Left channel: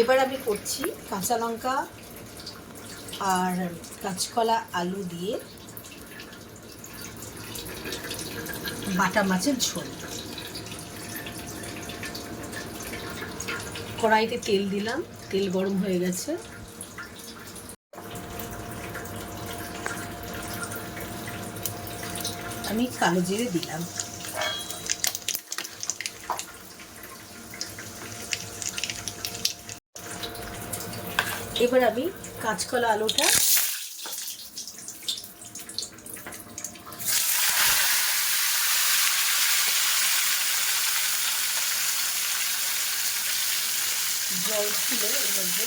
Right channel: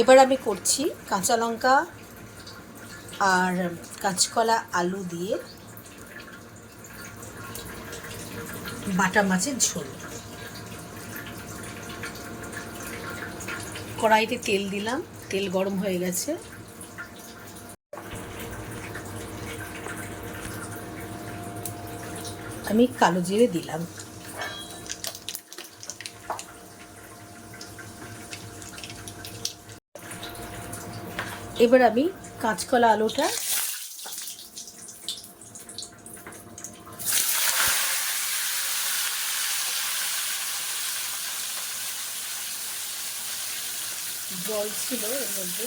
এবার আমি করছি কাঁচা লঙ্কা আর কাঁচকলা আলু দিয়ে বাটা মাছের ঝোল। কড়াইতে তেল দিলাম, তেল গরম হয়ে গেছে। আমি কালো জিরে দিলাম। এবার আমি কাঁচকলা আলুটা জল ছিল এর মধ্যে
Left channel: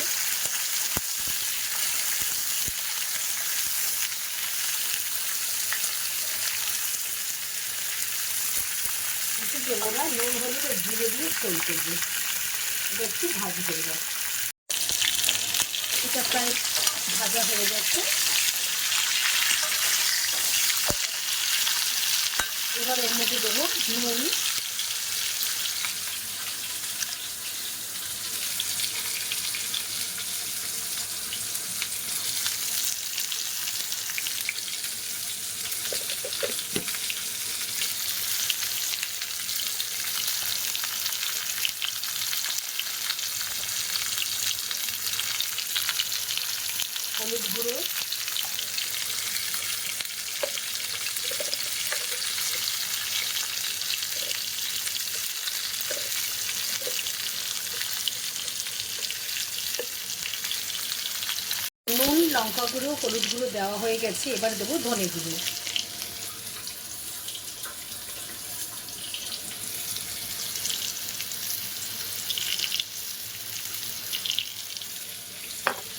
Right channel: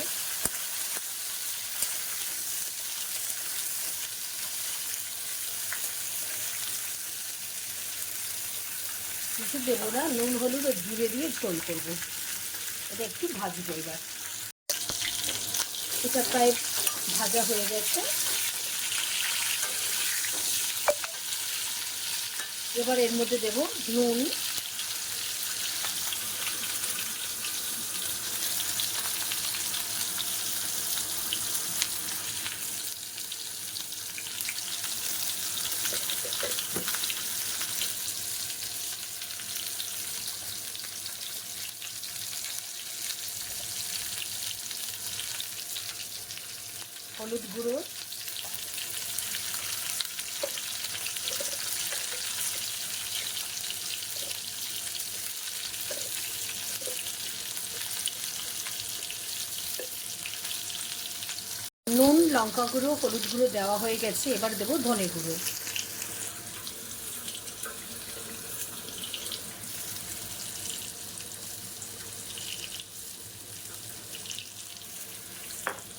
কিছু দেবো না, নুন হলুদ ও জিরে দিয়ে তৈরি করবো। এটা একটু ভাজি করবো। এটা প্রায় ভাজা হয়ে গেছে। এবার এর মধ্যে দেবো নুন, হলুদ গুঁড়ো, নুন, লঙ্কা গুঁড়ো, হলুদ গুঁড়ো দেওয়া হয়ে গেছে। এবার দেবো ধনে গুঁড়ো।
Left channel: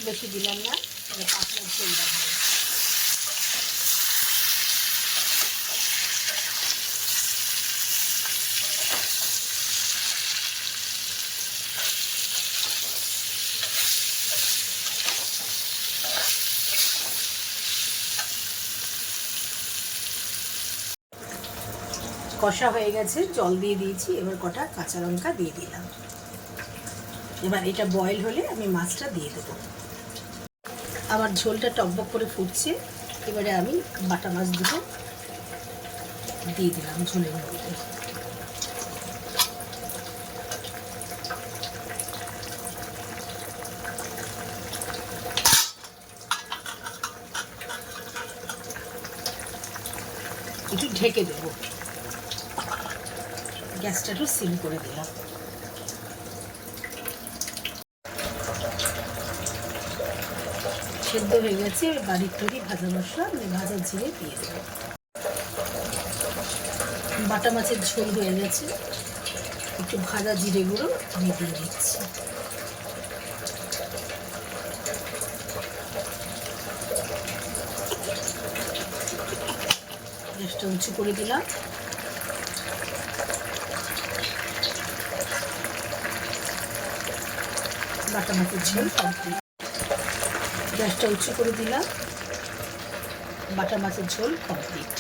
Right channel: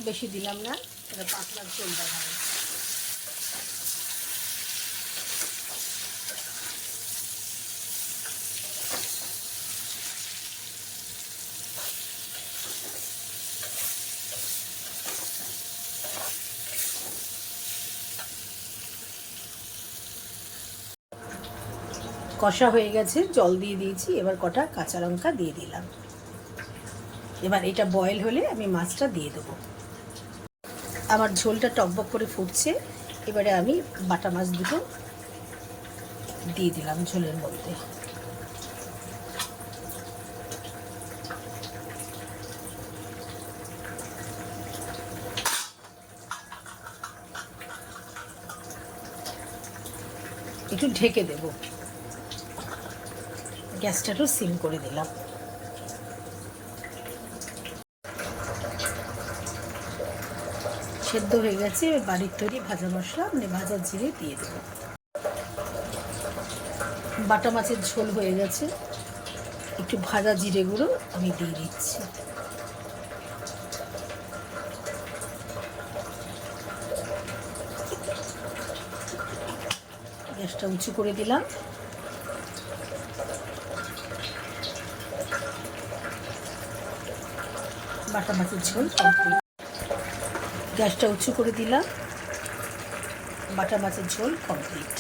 বেশি দিলাম না, এটা পাতলা ঝোল দেওয়া হয়। কষা হয়ে গেছে, জল দিয়ে দিয়েছি। এবার কটা কাঁচা লঙ্কা দিয়ে দিলাম। এবার এটা বয়েল হলে আমি মাছটা দিয়ে দেবো। আমার ঝোলটা টকবক করে ফুটছে। এবারে আমি বাটা মাছ দুটো দিয়ে দিলাম ঝোলের মধ্যে। একটু ঢেকে দেব। গ্যাসটা একটু সিম করে দিলাম। সেদ্ধ হয়ে গেছে। বাড়ির তৈরি ভাজা মশলা মানে ভাজা জিরে দিয়ে দেব। বাটা মাছের ঝোল হয়ে গেছে। একটু ভাজা জিরে গুঁড়ো আমি দিয়ে দিচ্ছি। গ্যাসটা উঁচু করে দিলাম। বাটা মাছের ঝোল কমপ্লিট। গ্যাসটা উঁচু করে দিলাম। বাটা মাছের ঝোল কমপ্লিট।